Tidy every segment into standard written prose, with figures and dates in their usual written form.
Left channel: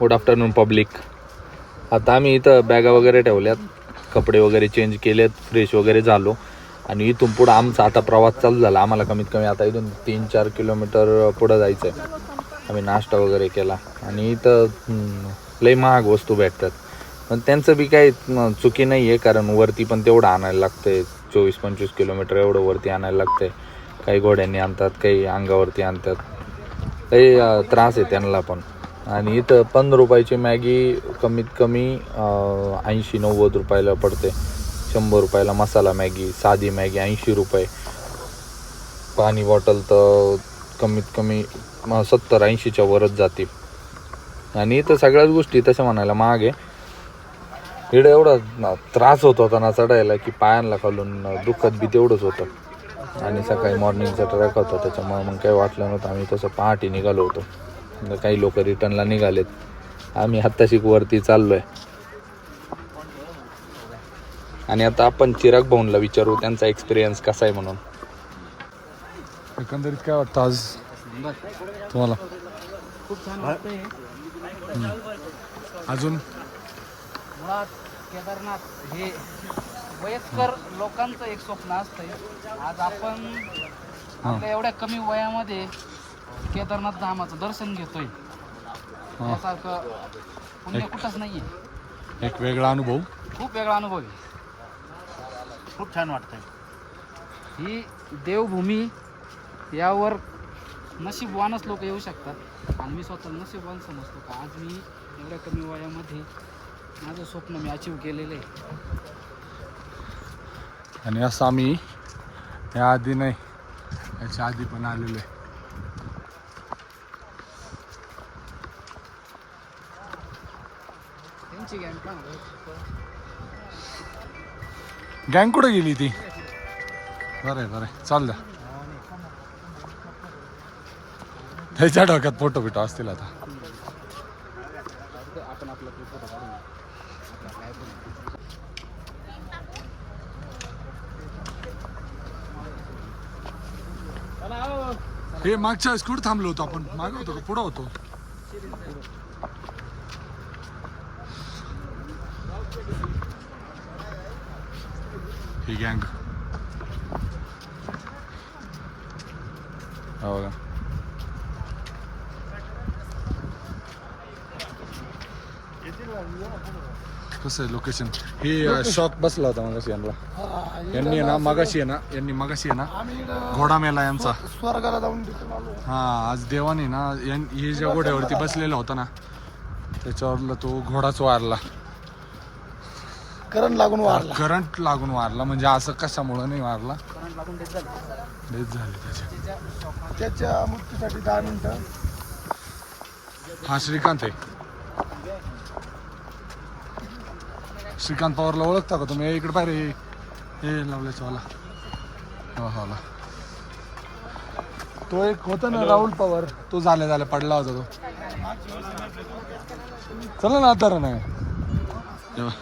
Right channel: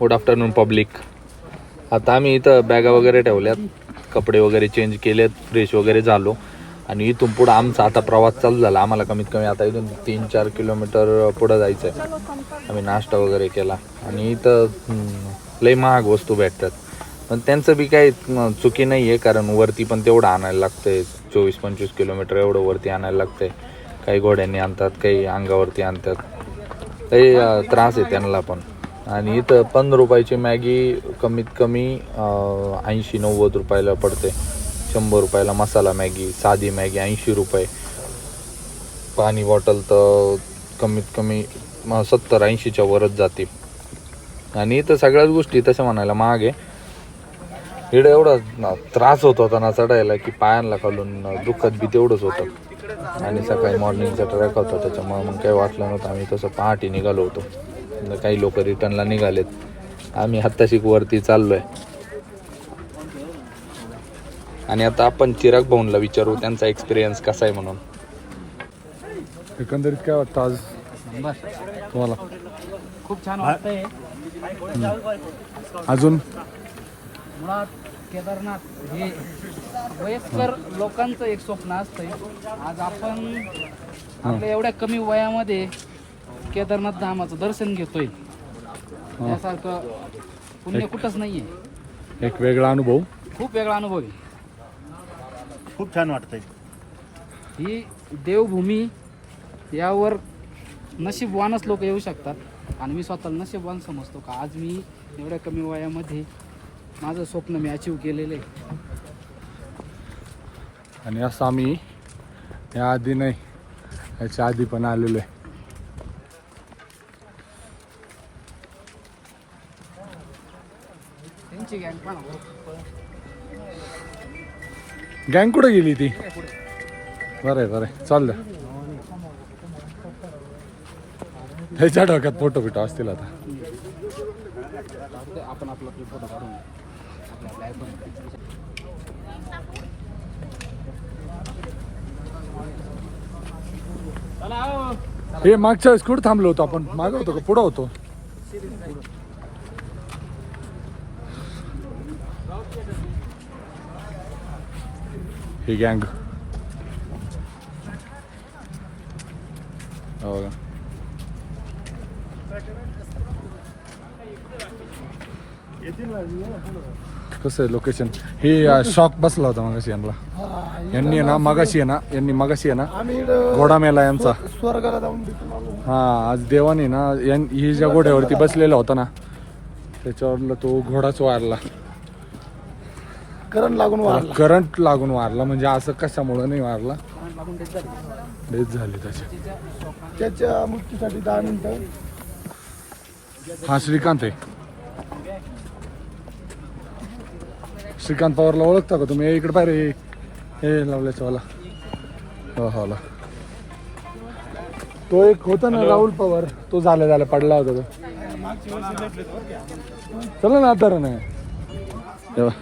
Good afternoon public. आता आम्ही इथं बॅगा वगैरे ठेवल्यात, कपडे वगैरे चेंज केलेत, फ्रेश वगैरे झालो आणि इथून पुढं आमचा आता प्रवास चालू झाला. आम्हाला कमीत कमी आता इथून 3-4 किलोमीटर पुढं जायचं आहे. आम्ही नाश्ता वगैरे केला आणि इथं लई महाग वस्तू भेटतात, पण त्यांचं बी काही चुकी नाही आहे, कारण वरती पण तेवढं आणायला लागतं आहे. 24-25 किलोमीटर एवढं वरती आणायला लागतं आहे. काही घोड्यांनी आणतात, काही अंगावरती आणतात, काही त्रास आहे त्यांना पण. आणि इथं 15 रुपयाची मॅगी कमीत कमी 80-90 रुपयाला पडते. 100 रुपयाला मसाला मॅगी, साधी मॅगी 80 रुपये. पाणी बॉटल तर कमीत कमी 70-80च्या वरच जाते. आणि इथं सगळ्याच गोष्टी तशा म्हणायला महाग आहे. इकडे एवढा त्रास होत होता ना चढायला की पायांना खालून दुखत बी तेवढंच होतं. आणि सकाळी मॉर्निंगचा ट्रॅक होता, त्याच्यामुळे मग काही वाटलं नव्हतं. आम्ही तसं पहाटे निघालो होतो. काही लोक रिटर्नला निघालेत. आम्ही आत्ताशी वरती चाललोय. आणि आता आपण चिराग भाऊंला विचारू त्यांचा एक्सपिरियन्स कसा आहे म्हणून. एकंदरीत काय वाटतं आज तुम्हाला? खूप छान वाटतंय. अजून केदारनाथ हे वयस्कर लोकांचं एक स्वप्न असतंय. आज आपण आपल्या एवढ्या कमी वयामध्ये केदारनाथ धामाचं दर्शन घेतोय. त्यासारखं पुण्य कुठंच नाहीये. एक वेगळा अनुभव, खूप वेगळा अनुभव आहे. खूप छान वाटतंय. ही देवभूमी, यावर नशीबवानच लोक येऊ शकतात. आणि मी स्वतःला नशीबवान समजतो का आज मी एवढ्या कमी वयामध्ये माझं स्वप्न मी अचीव केलेलं आहे. आणि असं आम्ही या आधी नाही, याच्या आधी पण आलेलो आहे. गँग कुठे गेली ती? बरं चाल द्या. त्याच्या डोक्यात फोटो बिटो असतील आता. हे मागच्या वेळेस कुठं थांबलो होतो आपण? मागं होतो का पुढं होतो? ही गँग हो. कसं आहे लोकेशन? हे शॉक बसला होता मगाशी यांनी ना घोडा मेला यांचा. हा, आज देवाने ना ही ज्या घोड्यावरती बसलेला होता ना त्याच्यावरला तो घोडाच वारला. करंट लागून वारला. म्हणजे असं कशामुळे नाही वारला, डेथ झाली त्याच्या मृत्यूसाठी 10 मिनिटं. हा श्रीकांत आहे. श्रीकांत पवारला ओळखता का तुम्ही? इकडे पाहिजे हे लावल्याचा वाला. हो, तो एक होता ना राहुल पवार, तो झाल्या पडला होता तो. चला ना आता नाही तेव्हा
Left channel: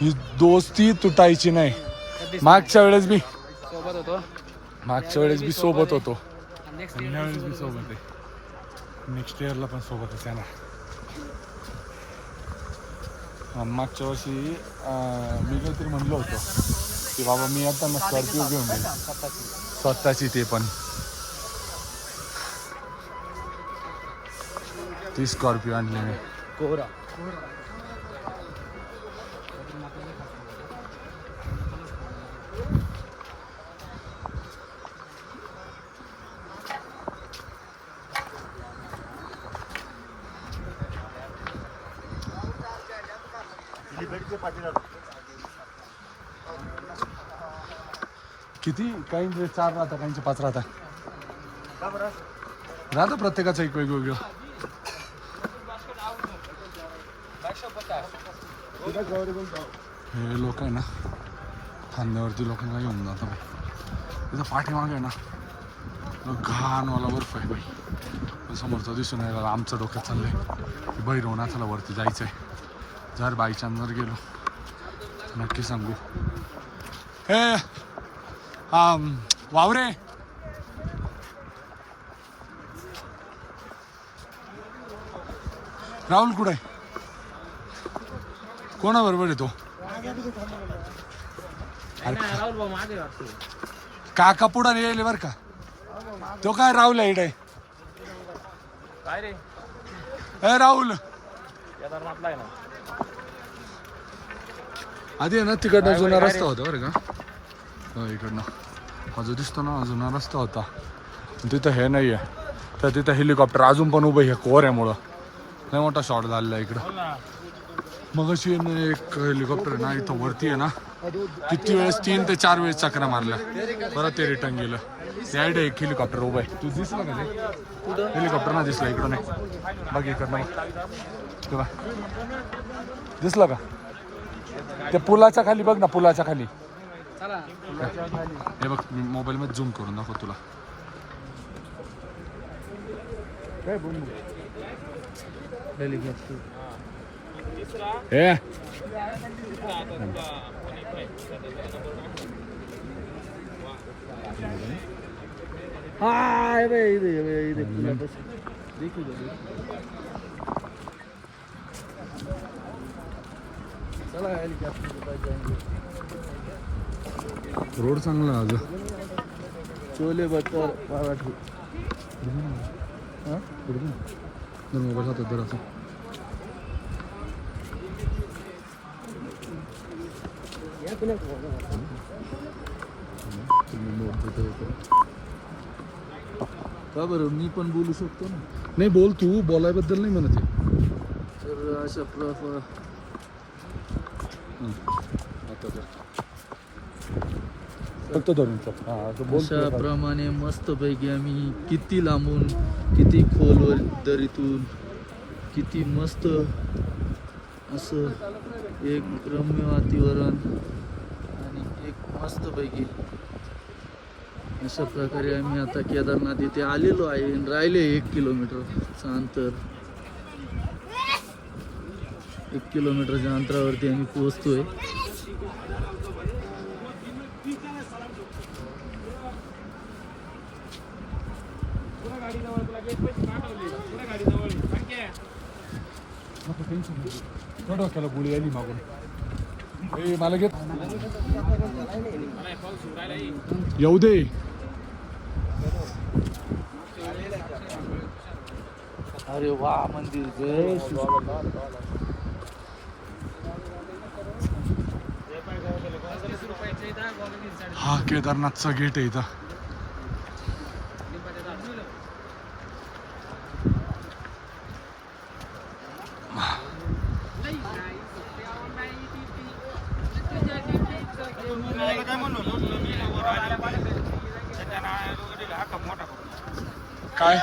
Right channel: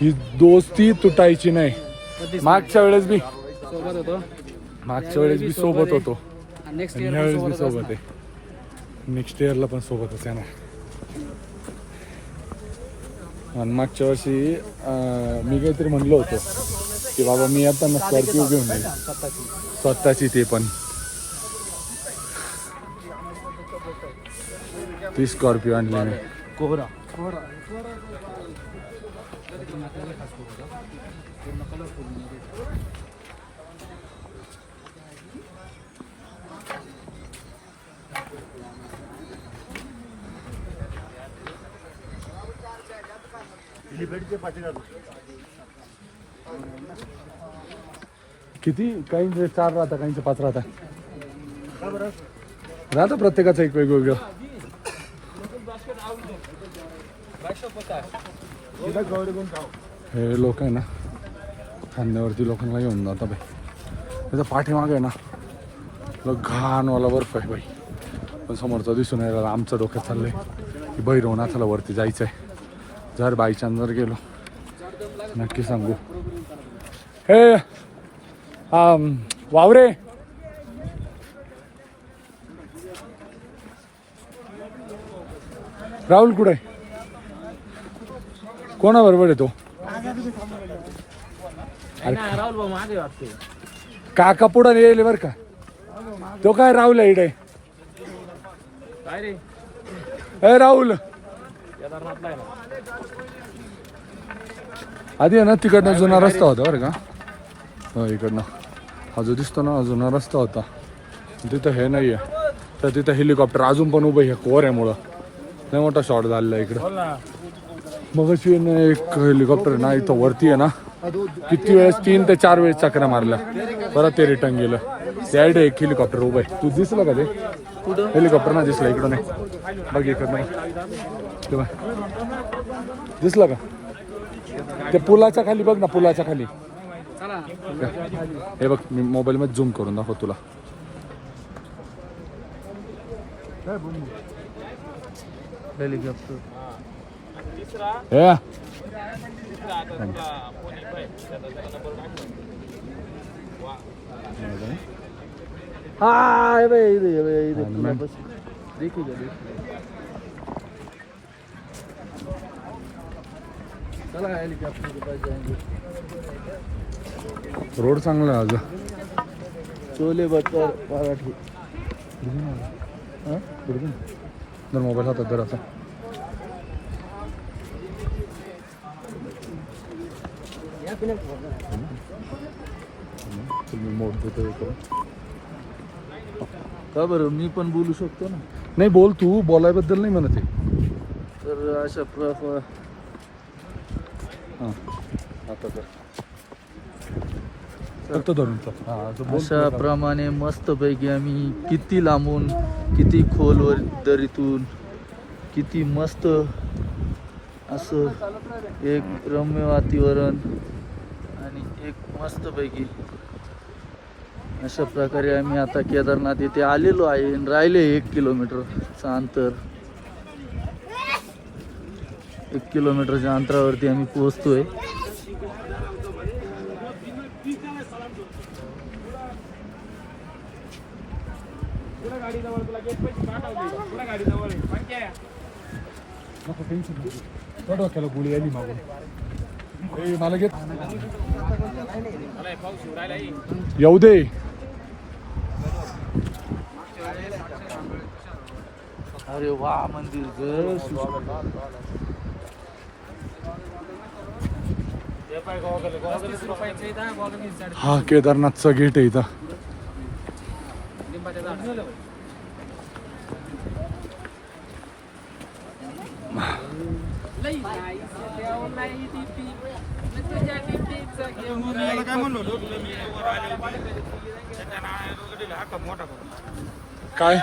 ही दोस्ती तुटायची नाही. मागच्या वेळेस बी सोबत होतो. ह्या वेळेस बी सोबत आहे. नेक्स्ट इयरला पण सोबतच आहे ना. आणि मागच्या वर्षी मी काहीतरी म्हणलो होतो की बाबा मी आता ना स्कॉर्पिओ घेऊन येईल स्वतःची. ते पण ती स्कॉर्पिओ आणली मी. किती काही 4 राहता, काहींचे 5 राहता. प्रत्येकाचं एक वेगवेगळं. हे लोक आहे ना खांद्यावरती लोकांना घेऊन जाता बाई. त्याचा पाठीमागे आहे ना घाणवाला बर्फ आहे बाई. पण समोरचा दिसून राहिला. आमचं डोक्यात चाललंय की भैरवनाथाला वरती जायचं आहे. जर बाय चान्स जर गेलो नक्की सांगू. हे वावरे, राहुल कुठे आहे? कोणाबरोबर आहे तो? अरे काका पुढं येईल बर का. तो काय राहुल आहे इकडे? ए राहुल आधी आहे ना तिकडनं जुना रस्ता होता बरं का. हो इकडनं हा जो दिसतो ना जुना रस्ता होता तिथं हे नाही आहे. तर तिथं हेलिकॉप्टर अजून पण उभं आहे पोऱ्यामुळं. नाही मोठा शॉट झालेला आहे इकडं. मग अशी एक हेलिकॉप्टर आहे ना इथं वरती आहे ना किती वेळेस 3 ते 4 वेळेस चक्रा मारल्या परत ते रिटर्न गेलं. त्याकडे एक हेलिकॉप्टर उभं आहे. तू दिसलं का ते हेलिकॉप्टर ना दिसलं इकडं नाही बघ इकडनं तेव्हा दिसलं का ते पुलाच्या खाली बघ ना पुलाच्या खाली. हे बघ मी मोबाईल मध्ये झूम करून दाखव तुला. हे रोड चांगला आहे अजून. छोले बटर पराठे. जर मोबाईल हातात जर असा तुम्ही मोड देतो का बरं मी पण बोलू शकतो ना. नाही बोल तू बोलायबद्दल नाही म्हणत आहे. तर अशा प्रकार हां आता तर तो अशा प्रमाणे मस्तपैकी आम्ही किती लांबून किती खोलवर दरीतून किती मस्त असं एक रम्य वातावरण आणि एक मस्तपैकी अशा प्रकारे आम्ही आता केदारनाथ येथे आलेलो आहे. राहिले 1 किलोमीटरचं अंतर. 1 किलोमीटरच्या अंतरावरती आम्ही पोहोचतोय. त्याला गोळी आली मागून मला घेत येऊ दे. हा केदारनाथचा गेट आहे इथं. काय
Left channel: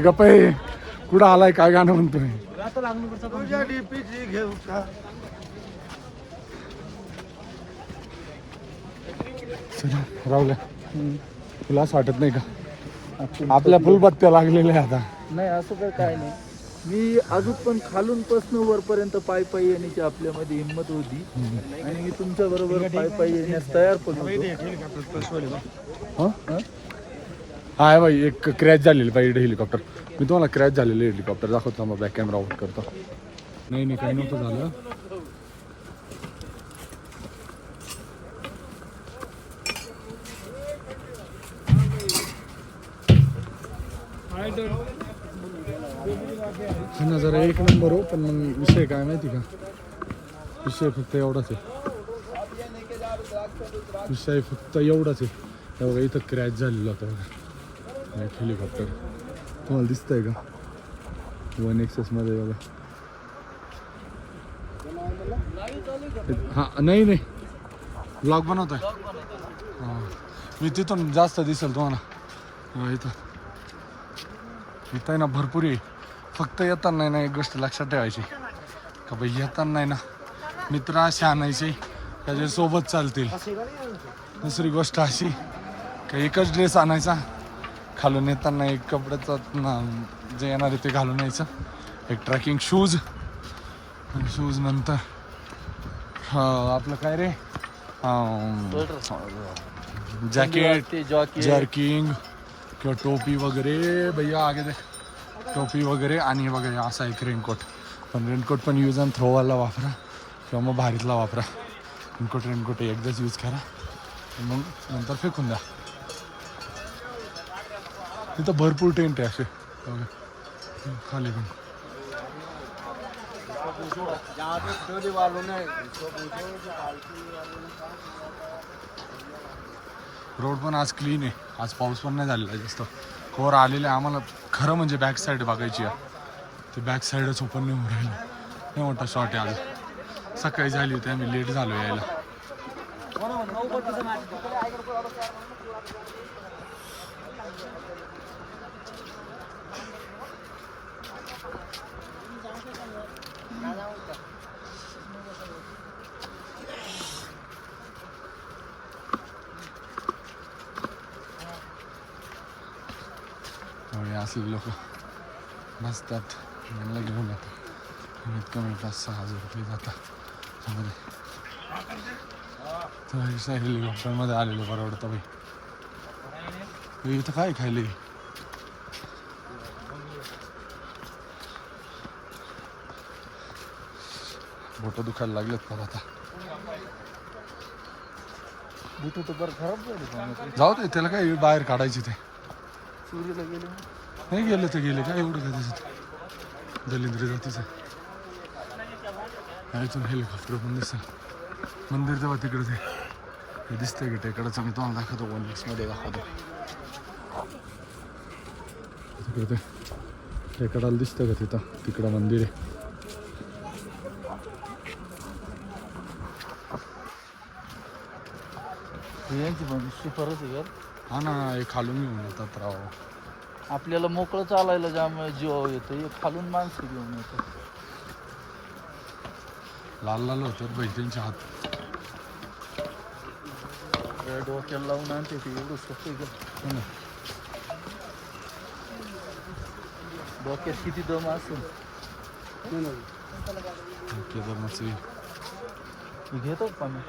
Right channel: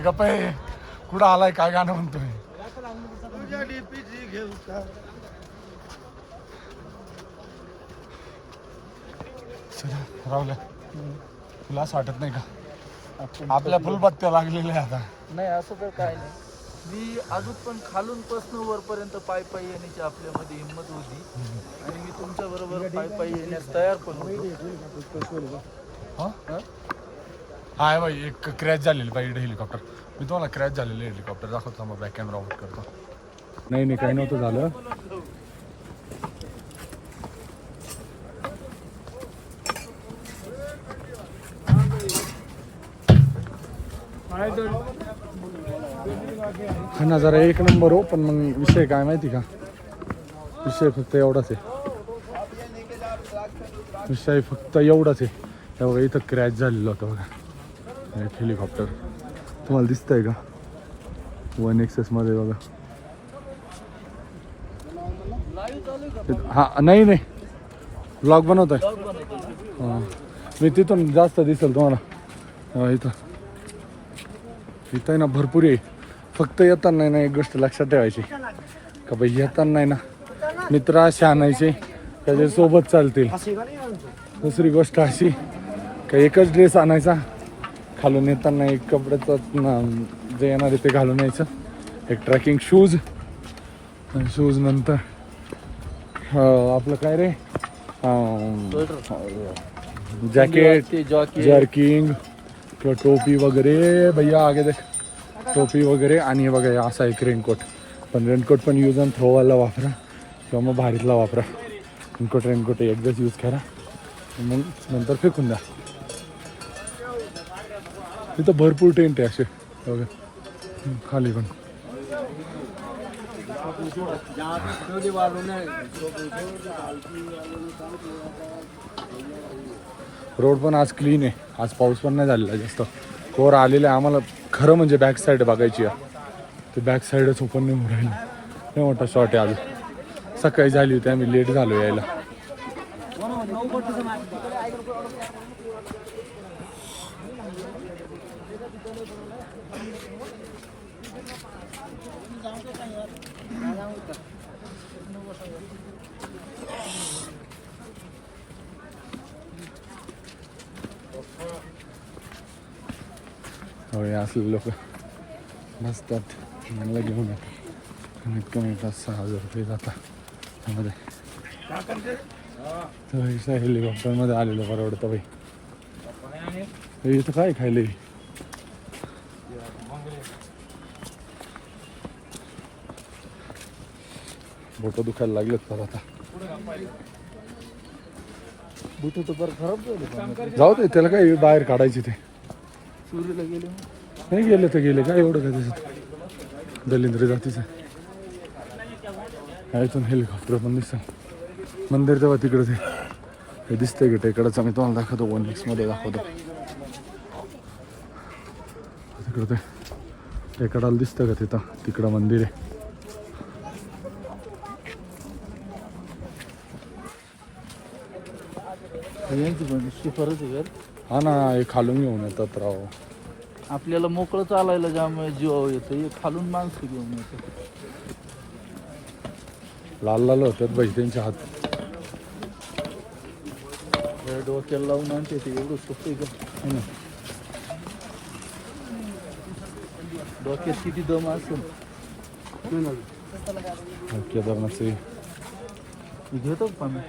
गप्प आहे. कुठं आलाय काय गाणं म्हणतोय. राहुल्या तुला असं वाटत नाही का आपल्या फुलबत्त्या लागलेल्या आता. नाही असं काही काय नाही. मी अजून पण खालून पासून वरपर्यंत पायी पायी येण्याची आपल्यामध्ये हिंमत होती आणि मी तुमच्या बरोबर पायी पायी येण्यास तयार पण होतो. हा भाई एक क्रॅश झालेली पाहिजे हेलिकॉप्टर. मी तुम्हाला क्रॅश झालेलं हेलिकॉप्टर दाखवतो मग बॅक कॅमेरा आउट करतो. नाही काही नव्हतं झालं. हा नजारा एक नंबर हो. पण मग विषय काय माहिती का विषय फक्त एवढाच आहे. विषय फक्त एवढाच आहे. तेव्हा इथं क्रॅश झालेलं होतं बघा एक हेलिकॉप्टर. तुम्हाला दिसतंय का 1XS मध्ये बघा. हा नाही ब्लॉग बनवत आहे. हां मी तिथून जास्त दिसेल तुम्हाला. इथं ना भरपूर आहे. फक्त येताना नाही ना एक गोष्ट लक्षात ठेवायची का बाई येताना नाही ना मित्र असे आणायचे त्याच्यासोबत चालतील. दुसरी गोष्ट अशी का एकच ड्रेस आणायचा, खालून येताना एक कपड्याचं जे येणार आहे ते घालून यायचं, एक ट्रॅकिंग शूज, शूज नंतर आपलं काय रे जॅकेट, जर्किंग किंवा टोपी वगैरे. भैया आगे देख, टोपी वगैरे. आणि हे बघा असा एक रेनकोट, पण रेनकोट पण यूज अँड थ्रोवाला वापरा किंवा मग भारीतला वापरा. रेनकोट एकदाच यूज करा, मग नंतर फेकून द्या. तिथं भरपूर टेंट आहे असे बघा खाली पण. रोड पण आज क्लीन आहे, आज पाऊस पण नाही झालेला जास्त, कोर आलेला आहे. आम्हाला खरं म्हणजे बॅक साईड बघायची आहे, ते बॅक साईडच ओपन नाही होऊन राहिली. हे मोठा शॉट आहे. आज सकाळी झाली होती, आम्ही लेट झालो यायला. होय असले लोक नसतात, मला घेऊन येतात. कमीत कमी 5,000-6,000 रुपये जातात त्यामध्ये. तर हेलिकॉप्टरमध्ये आलेलं परवडतं बाई. इथं काय खायले, बोटं दुखायला लागलेत पर आता. जाऊ दे, त्याला काय बाहेर काढायचे ते. नाही गेले तर गेले, काय एवढं काय त्याच्यात. दलिंद्र जातीचं इथून हेलिकॉप्टर पण दिसतं. मंदिर तेव्हा तिकडं ते दिसतंय की टेकडाचं, मी तुम्हाला दाखवतो, 1x मध्ये दाखवतो. तिकडं ते टेकडाला दिसतं का तिथं, तिकडं मंदिर आहे. हा ना, हे खालून घेऊन येतात राव. आपल्याला मोकळं चालायला जाम जीव येतो, खालून माणसं घेऊन येतो. लाल लाल होतात बाई त्यांचे हात. डोक्याला लावून आणतो ते एवढं सोपं का? डोक्यात किती दम असेल. केदारनाथचे घेतो का मी?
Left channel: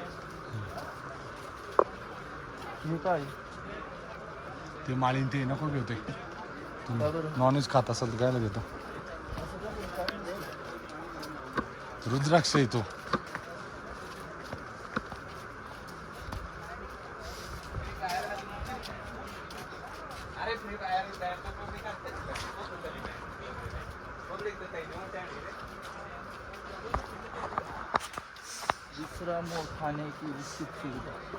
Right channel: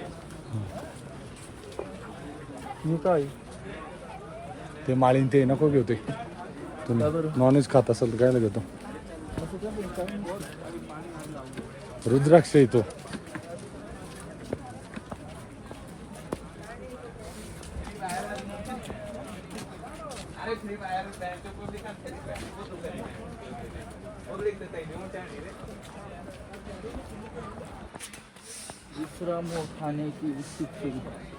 मी काय ते माळीन ते नको घेऊ, ते नॉनव्हेज खात असेल तर कायला घेतो. रुद्राक्ष येतो. दुसरा मोर खाने की उत्सुक सुविधा.